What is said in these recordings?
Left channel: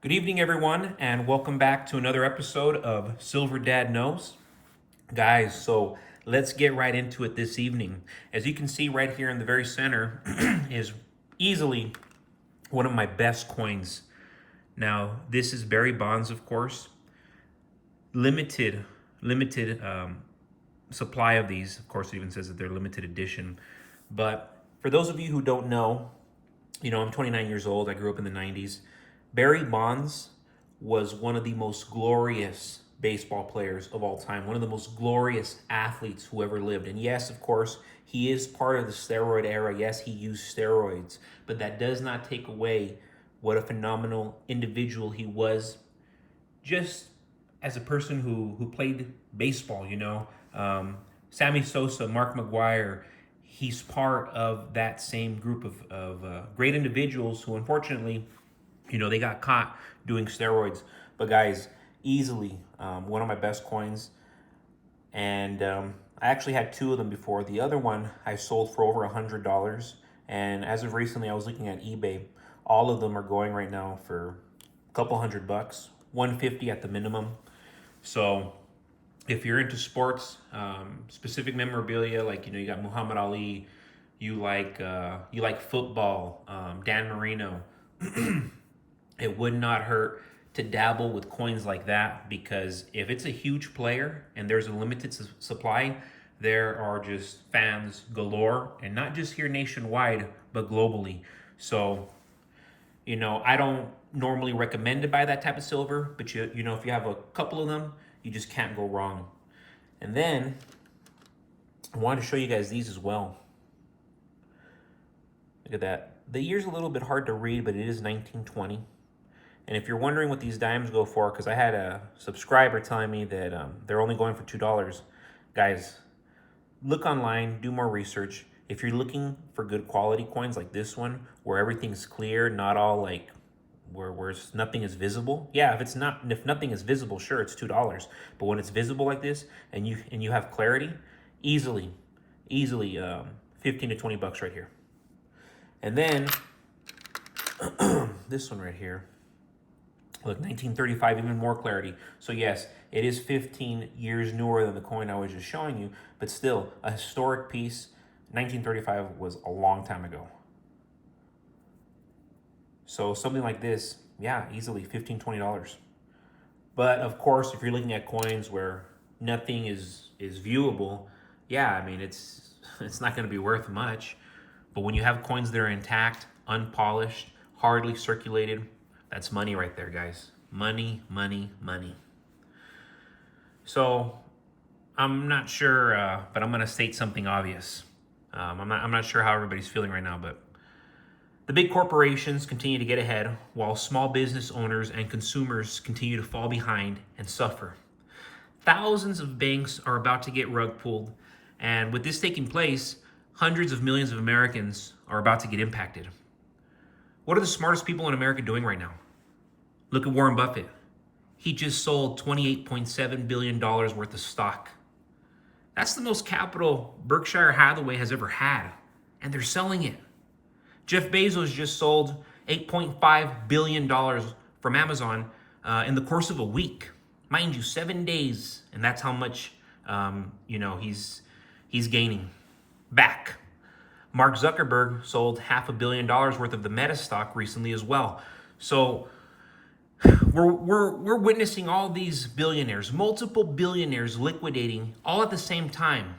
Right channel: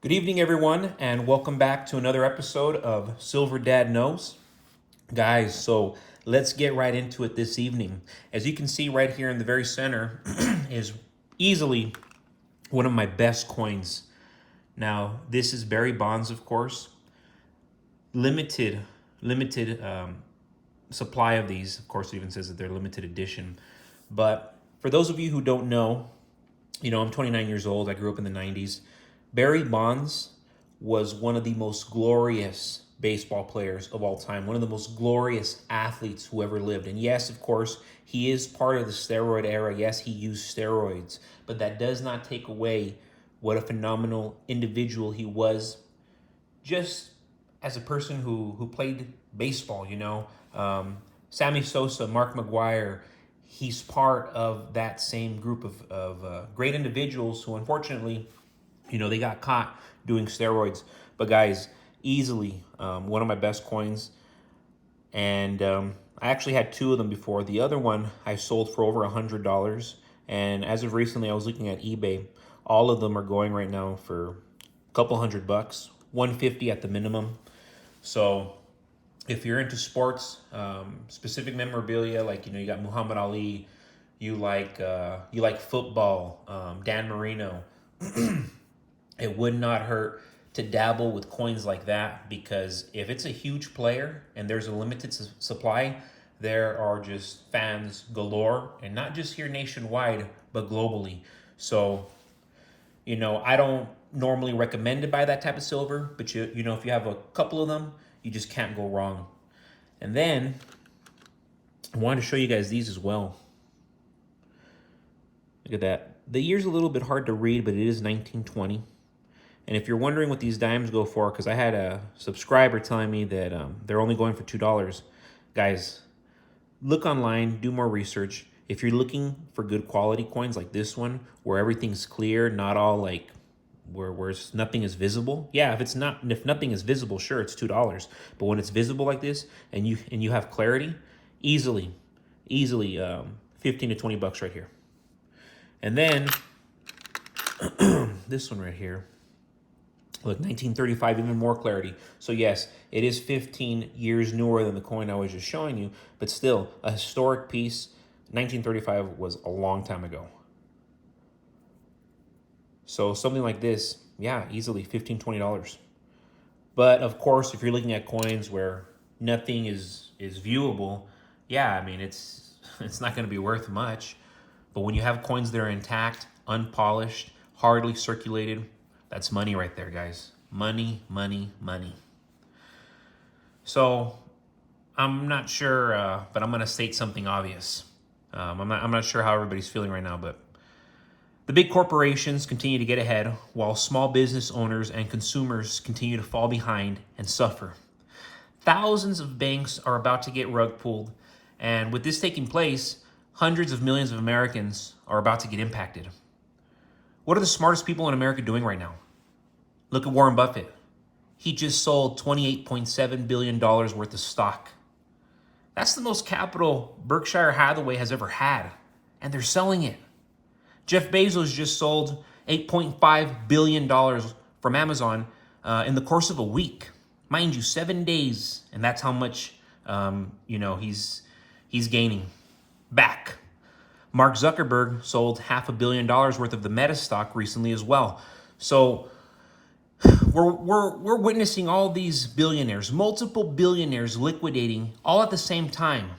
Good evening, everyone, and welcome back to another episode of Silver Dad Knows. Guys, so let's get right into it this evening. As you can see right here in the very center is easily one of my best coins. Now, this is Barry Bonds, of course. Limited supply of these. Of course, it even says that they're limited edition. But for those of you who don't know, I'm 29 years old. I grew up in the 90s. Barry Bonds was one of the most glorious baseball players of all time, one of the most glorious athletes who ever lived. And yes, of course, he is part of the steroid era. Yes, he used steroids, but that does not take away what a phenomenal individual he was just as a person who played baseball, Sammy Sosa, Mark McGuire, he's part of that same group of great individuals who unfortunately, they got caught doing steroids. But guys, easily one of my best coins. And I actually had two of them before. The other one I sold for over $100. And as of recently, I was looking at eBay. All of them are going right now for a couple $100, 150 at the minimum. So if you're into sports, specific memorabilia, like you got Muhammad Ali, you like football, Dan Marino. It would not hurt to dabble with coins like that, because if it's a huge player and there's a limited supply, there are just fans galore, and not just here nationwide, but globally. So, I don't normally recommend to buy that type of silver, but if you have a couple of them, you just can't go wrong. And then I wanted to show you guys these as well. Look at that. The year's a little bit hard to read, but it is 1920. And if you're wondering what these dimes go for, because I had a subscriber telling me that they're only going for $2. Guys, look online, do more research. If you're looking for good quality coins like this one, where everything's clear, not all like where nothing is visible. Yeah, if nothing is visible, sure, it's $2. But when it's visible like this and you have clarity, easily 15 to 20 bucks right here. And then this one right here. Look, 1935, even more clarity. So yes, it is 15 years newer than the coin I was just showing you, but still a historic piece. 1935 was a long time ago. So something like this, yeah, easily $15, $20. But of course, if you're looking at coins where nothing is viewable, yeah, I mean, it's not going to be worth much. But when you have coins that are intact, unpolished, hardly circulated, that's money right there, guys. Money, money, money. So I'm not sure, but I'm going to state something obvious. I'm not sure how everybody's feeling right now, but the big corporations continue to get ahead while small business owners and consumers continue to fall behind and suffer. Thousands of banks are about to get rug pulled, and with this taking place, hundreds of millions of Americans are about to get impacted. What are the smartest people in America doing right now? Look at Warren Buffett. He just sold $28.7 billion worth of stock. That's the most capital Berkshire Hathaway has ever had, and they're selling it. Jeff Bezos just sold $8.5 billion from Amazon in the course of a week. Mind you, 7 days, and that's how much he's gaining back. Mark Zuckerberg sold $500 million worth of the Meta stock recently as well. So we're witnessing all these billionaires, multiple billionaires liquidating all at the same time,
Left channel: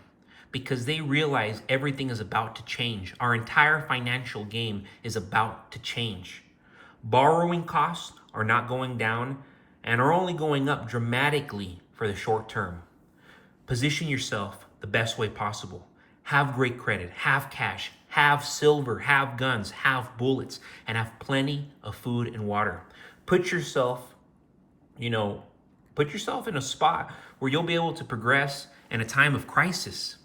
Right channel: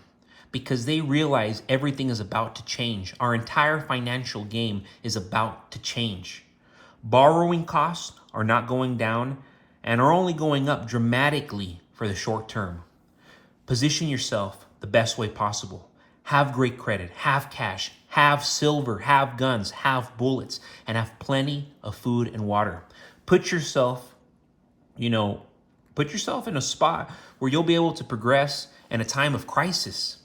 because they realize everything is about to change. Our entire financial game is about to change. Borrowing costs are not going down and are only going up dramatically for the short term. Position yourself the best way possible. Have great credit, have cash, have silver, have guns, have bullets, and have plenty of food and water. Put yourself in a spot where you'll be able to progress in a time of crisis.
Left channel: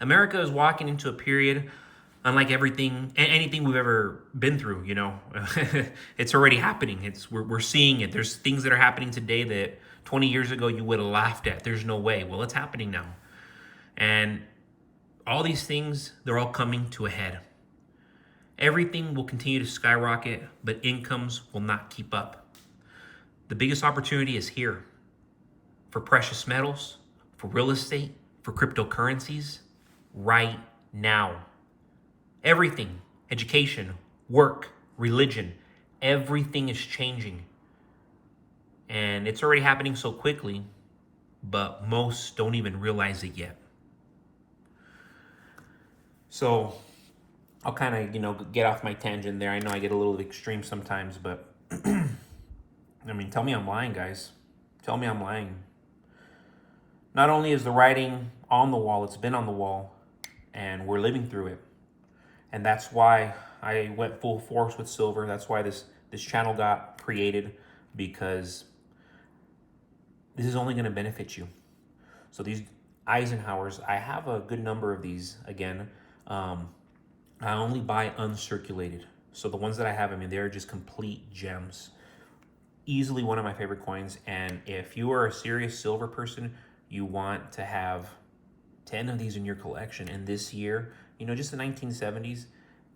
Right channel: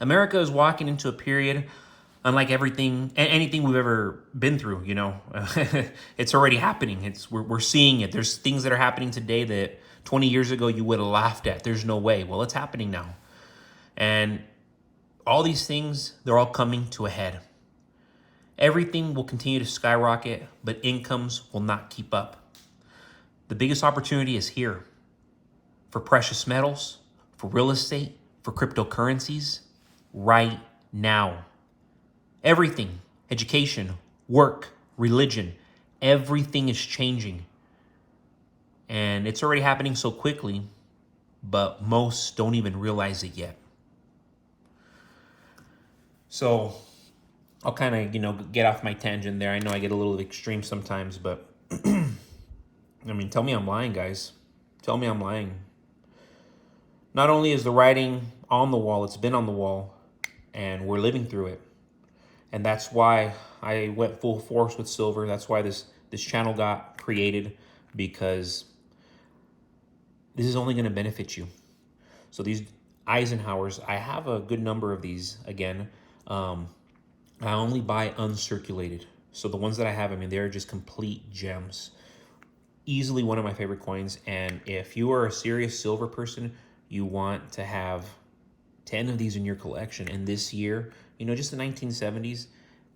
America is walking into a period unlike anything we've ever been through. It's already happening. We're seeing it. There's things that are happening today that 20 years ago you would have laughed at. There's no way. Well, it's happening now. And all these things, they're all coming to a head. Everything will continue to skyrocket, but incomes will not keep up. The biggest opportunity is here for precious metals, for real estate, for cryptocurrencies, right now. Everything, education, work, religion, everything is changing. And it's already happening so quickly, but most don't even realize it yet. So I'll kind of, get off my tangent there. I know I get a little extreme sometimes, but I mean, tell me I'm lying, guys. Tell me I'm lying. Not only is the writing on the wall, it's been on the wall, and we're living through it. And that's why I went full force with silver. That's why this channel got created, because this is only going to benefit you. So these Eisenhowers, I have a good number of these. Again, I only buy uncirculated. So the ones that I have, I mean, they're just complete gems. Easily one of my favorite coins. And if you are a serious silver person, you want to have 10 of these in your collection. And this year, just the 1970s,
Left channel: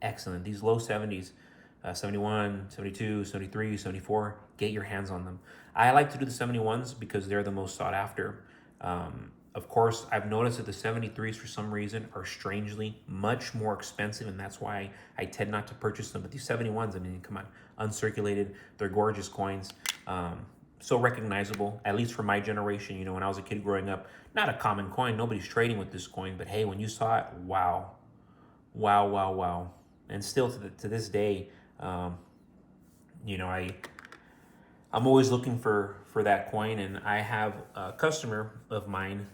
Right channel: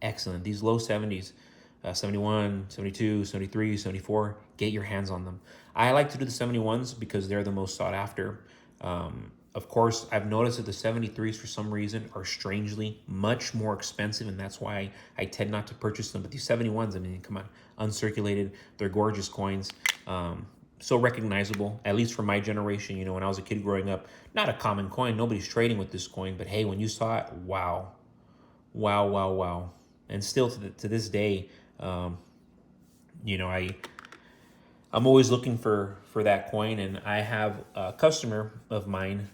excellent. These low 70s, 71, 72, 73, 74, get your hands on them. I like to do the 71s because they're the most sought after. Of course, I've noticed that the 73s for some reason are strangely much more expensive, and that's why I tend not to purchase them. But these 71s, I mean, come on, uncirculated, they're gorgeous coins. So recognizable, at least for my generation. When I was a kid growing up, not a common coin. Nobody's trading with this coin, but hey, when you saw it, wow. Wow, wow, wow. And still to this day, I'm always looking for that coin, and I have a customer of mine.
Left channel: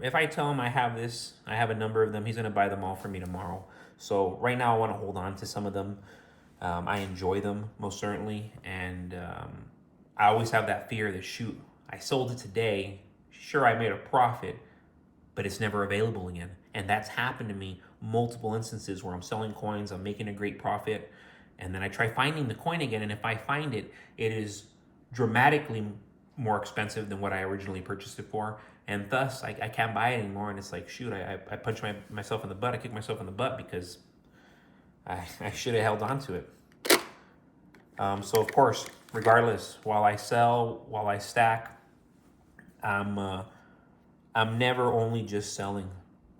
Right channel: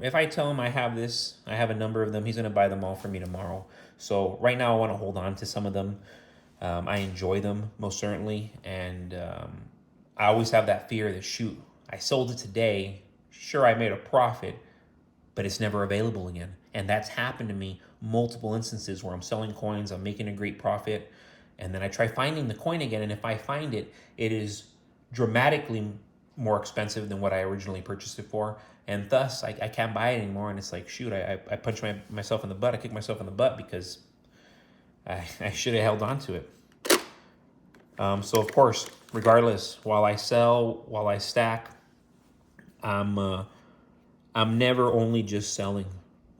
If I tell him I have this, I have a number of them, he's going to buy them all for me tomorrow. So right now I want to hold on to some of them. I enjoy them, most certainly, and I always have that fear that, shoot, I sold it today, sure, I made a profit, but it's never available again. And that's happened to me multiple instances where I'm selling coins, I'm making a great profit, and then I try finding the coin again, and if I find it, it is dramatically more expensive than what I originally purchased it for, and thus I can't buy it anymore. And it's like, shoot, I punch myself in the butt, I kick myself in the butt because I should have held on to it. So of course, regardless, while I sell, while I stack, I'm never only just selling.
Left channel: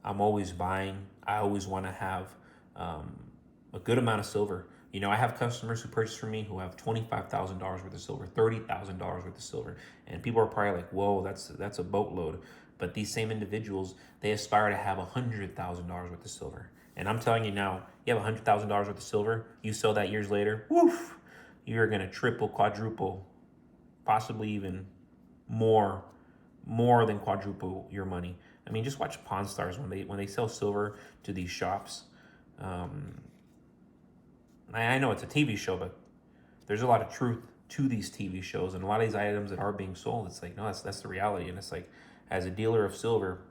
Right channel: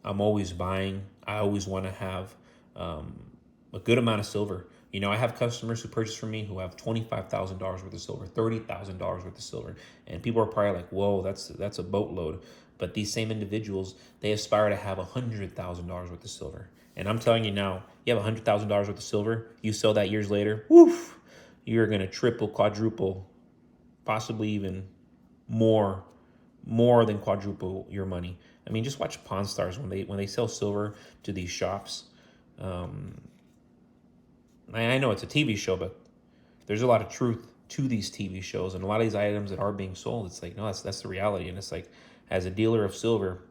I'm always buying. I always want to have a good amount of silver. I have customers who purchase from me who have $25,000 worth of silver, $30,000 worth of silver, and people are probably like, "Whoa, that's a boatload." But these same individuals, they aspire to have $100,000 worth of silver. And I'm telling you now, you have $100,000 worth of silver, you sell that years later, woof, you're gonna triple, quadruple, possibly even more than quadruple your money. I mean, just watch Pawn Stars when they sell silver to these shops. I know it's a TV show, but there's a lot of truth to these TV shows, and a lot of these items that are being sold, it's like, no, that's the reality. And it's like, as a dealer of silver,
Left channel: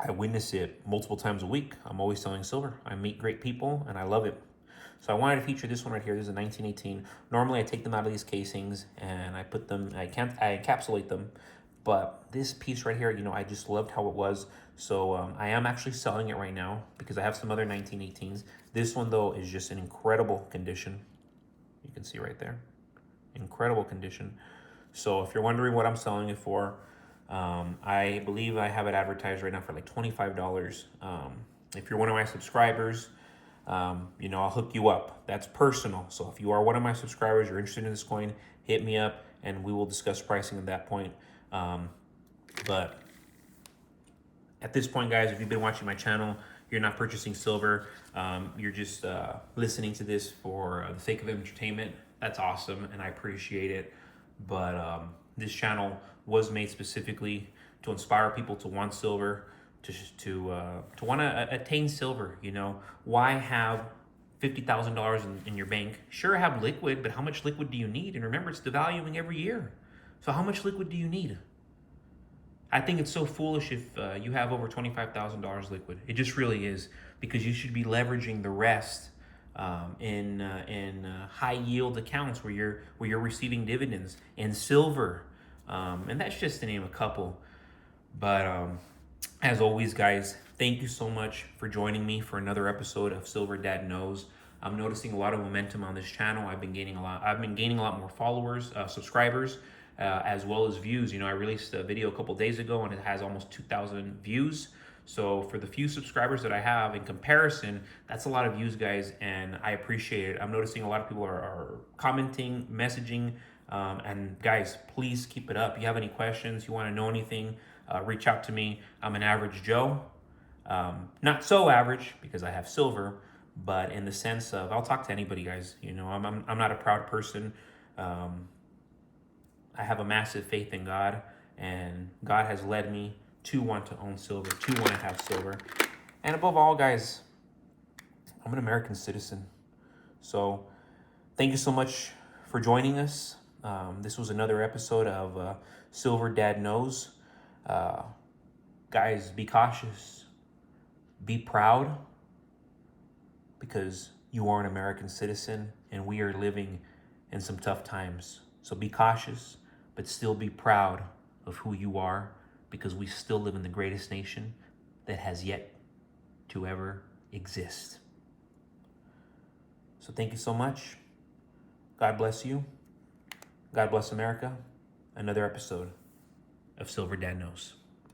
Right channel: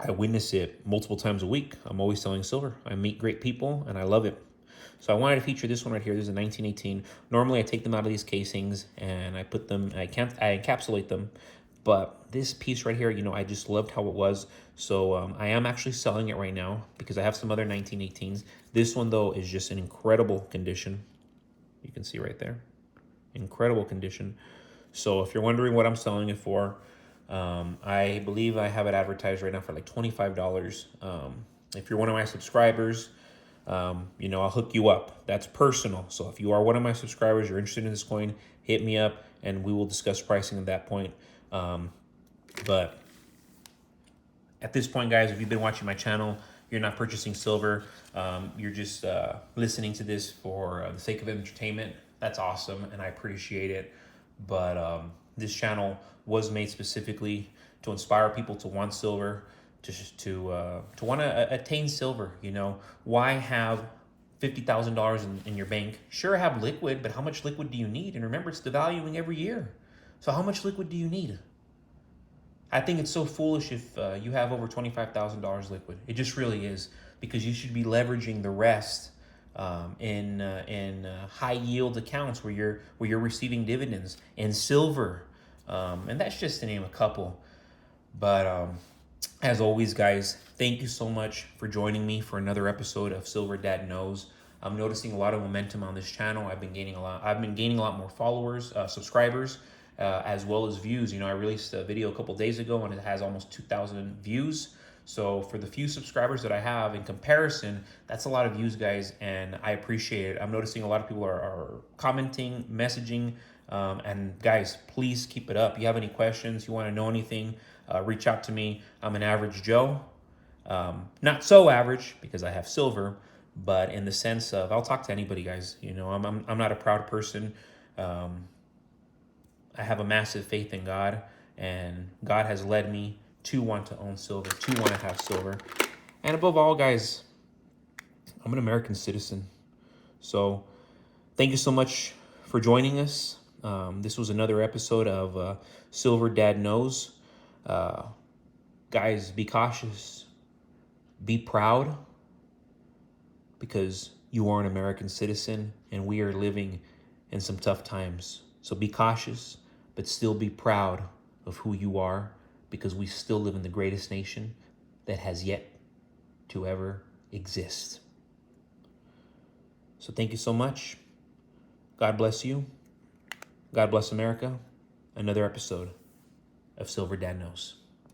I witness it multiple times a week. I'm always selling silver. I meet great people, and I love it. So I wanted to feature this one right here. This is a 1918. Normally, I take them out of these casings and I put them, I encapsulate them. But this piece right here, I just loved how it was. So I am actually selling it right now because I have some other 1918s. This one, though, is just in incredible condition. You can see right there. Incredible condition. So if you're wondering what I'm selling it for, I believe I have it advertised right now for like $25. If you're one of my subscribers, I'll hook you up. That's personal. So if you are one of my subscribers, you're interested in this coin, hit me up and we will discuss pricing at that point. But at this point, guys, if you've been watching my channel, you're not purchasing silver, you're just listening to this for the sake of entertainment, that's awesome and I appreciate it. But this channel was made specifically to inspire people to want silver, to want to attain silver. Why have $50,000 in your bank? Sure, have liquid, but how much liquid do you need? And remember, it's devaluing every year. So how much liquid do you need? I think it's so foolish if you have over $25,000 liquid. It just really is, because you should be leveraging the rest in high yield accounts where you're receiving dividends in silver, and that's just to name a couple. But as always, guys, thank you so much for joining me for another episode of Silver Dad Knows. I'm noticing a lot of momentum on this channel. I've been gaining a lot more followers, subscribers, as well as views. You know, I released a video a couple days ago and it has almost 2,000 views. So for the few subscribers that I have in comparison, that's a lot of views, guys, and I appreciate it. I'm noticing a lot of people are commenting, messaging, and guys, please keep it up. If you have any questions, you want to know anything, reach out to me. I'm an average Joe. Not so average because I have silver, but in the sense of I'll talk to anybody, guys. You know, I'm not a proud person. I have a massive faith in God, and God has led me to want to own silver, to want to have silver. And above all, guys, I'm an American citizen. So thank you so much for joining us. This was another episode of Silver Dad Knows. Guys, be cautious. Be proud, because you are an American citizen and we are living in some tough times. So be cautious, but still be proud of who you are, because we still live in the greatest nation that has yet to ever exist. So thank you so much. God bless you. God bless America. Another episode of Silver Dad Knows.